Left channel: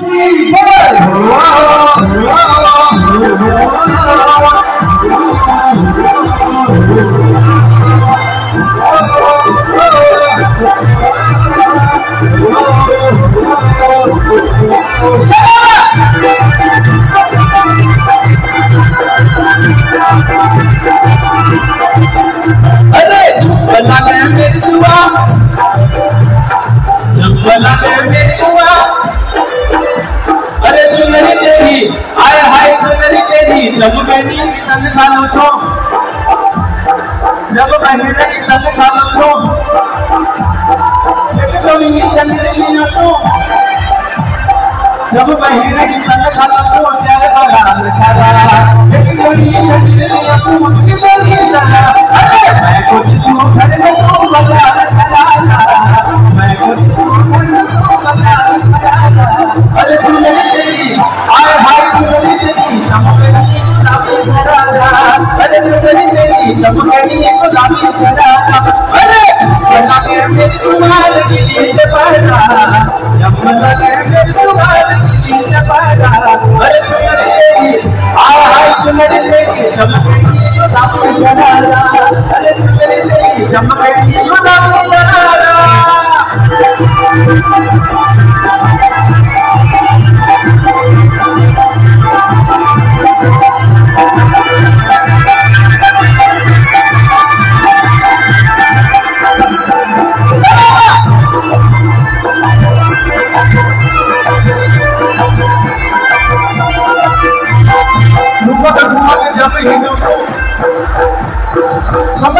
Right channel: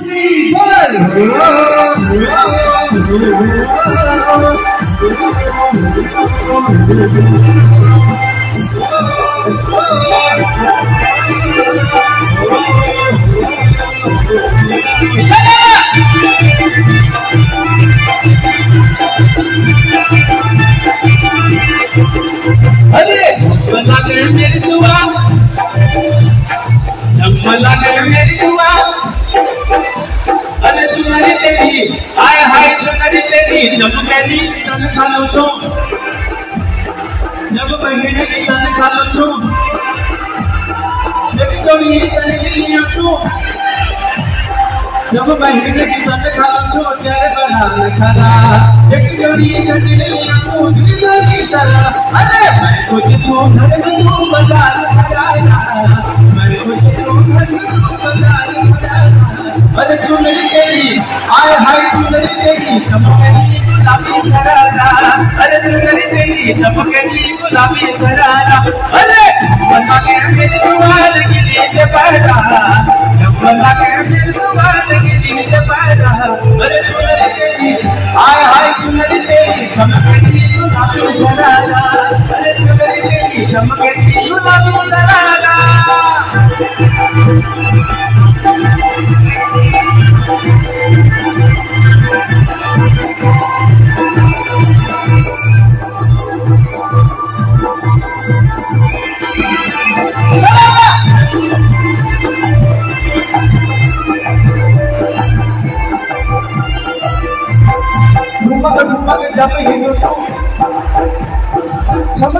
मेरी सुआ, अरे चुनरी तेरी, आय हाय चुनरी तेरी, जब मेरी तन खालू छो, जब महीने की तन खालू छो, एक थोड़ी शनि लिया छो, जब महीने की तन खालू छो, तेरे बगान खरा, एक थोड़ी शनि लिया छो, तेरी तरह, अरे मैं कुछ छू घर में तू बाजार खरा, मैं कुछ छू घर में तू बाजार खरा, अरे चुनरी तेरी, आय हाय चुनरी तेरी, चमकनी गुलाबी सरारा, अरे चुनरी तेरी, चमकनी गुलाबी सरारा, अरे बना के मेरी सुहान के लिए जबारा, जब बना के मेरी सुहान के लिए जबारा, अरे चुनरी तेरी, आय हाय चुनरी तेरी, चमकनी गुलाबी सरारा, अरे चुनरी तेरी, चमकनी गुलाबी सरारा।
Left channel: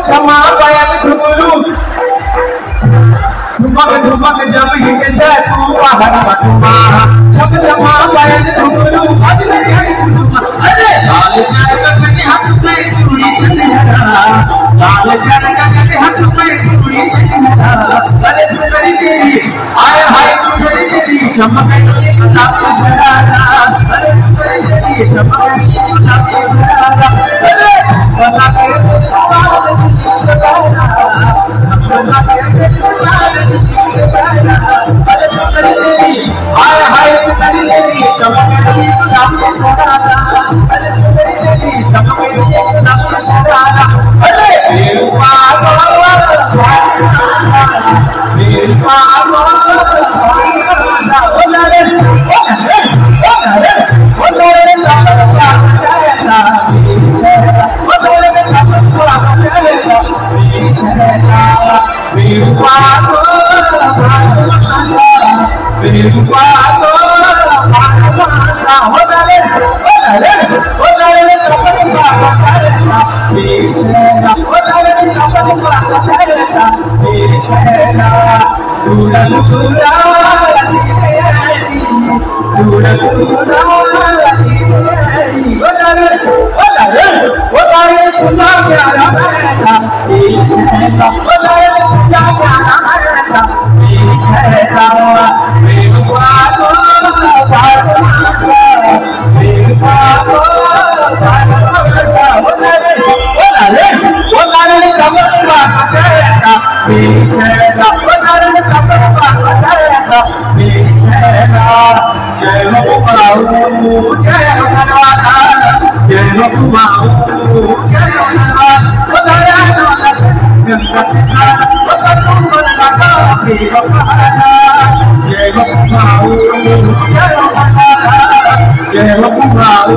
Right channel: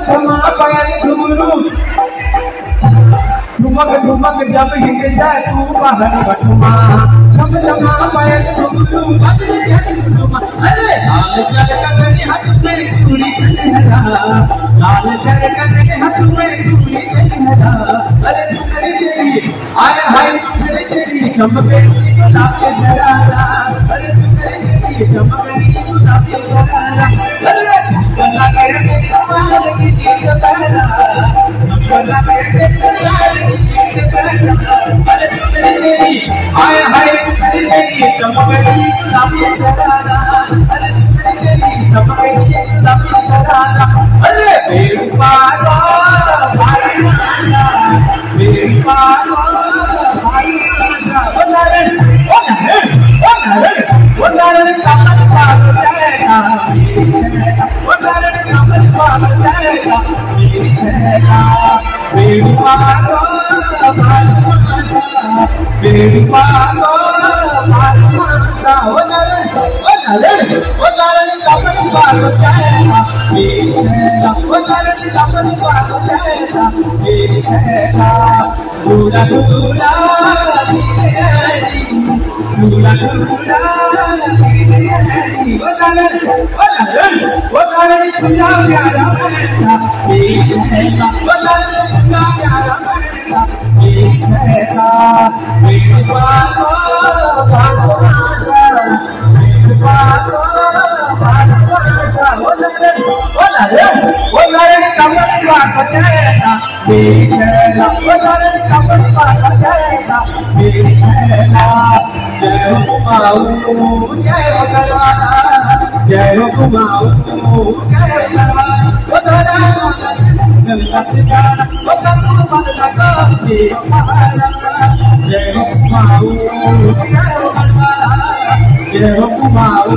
क्षमा पायल घुंगरू, धुमक धुमक जब हिट जाए तू बाहर बटुमा, क्षमा पायल घुंगरू, बजने जाए घुंगरूमा, अरे लाल कर कने हाथ में चूड़ी चढ़ा, लाल कर कने हाथ में चूड़ी चढ़ा, अरे चुनरी तेरी, आय हाय चुनरी तेरी, चमकनी गुलाबी सरारा, अरे चुनरी तेरी, चमकनी गुलाबी सरारा, अरे बना के मेरी सुहान की नींद बहरा, बना के मेरी सुहान की नींद बहरा, अरे चुनरी तेरी, आय हाय चुनरी तेरी, चमकनी गुलाबी सरारा, अरे चुनरी तेरी, चमकनी गुलाबी सरारा, अरे बेरुपा गो भाई आशा, बेरुपा गो भाई आशा, ओ नारायण ओ नारायण ओ नारायण ओ नारायण कमल पाप जाएगा मेरी छेड़ा, ओ नारायण कमल पाप जाएगा मेरी छेड़ा, बेरुपा गो भाई आशा, बेरुपा गो भाई आशा, ओ नारायण कमल पाप जाएगा मेरी छेड़ा, ओ नारायण कमल पाप जाएगा मेरी छेड़ा, दूरा दूरा धीरे आई, दूरा दूरा धीरे आई, ओ नारायण तुझा प्यारा मैना मेरी छेड़ा, ओ नारायण तुझा प्यारा मैना मेरी छेड़ा, बेरुपा गो भागवासा, बेरुपा गो भागवासा, ओ नारायण कमल पाप जाएगा मेरी छेड़ा, ओ नारायण कमल पाप जाएगा मेरी छेड़ा, जय हो कुमाऊ जय हो करवाना, जय हो कुमाऊ जय हो करवाना, ओ धरा चोला गंगा चिताना, ओ तू मरना का बेवा पहाड़ा, जय हो कुमाऊ जय हो करवाना, जय हो कुमाऊ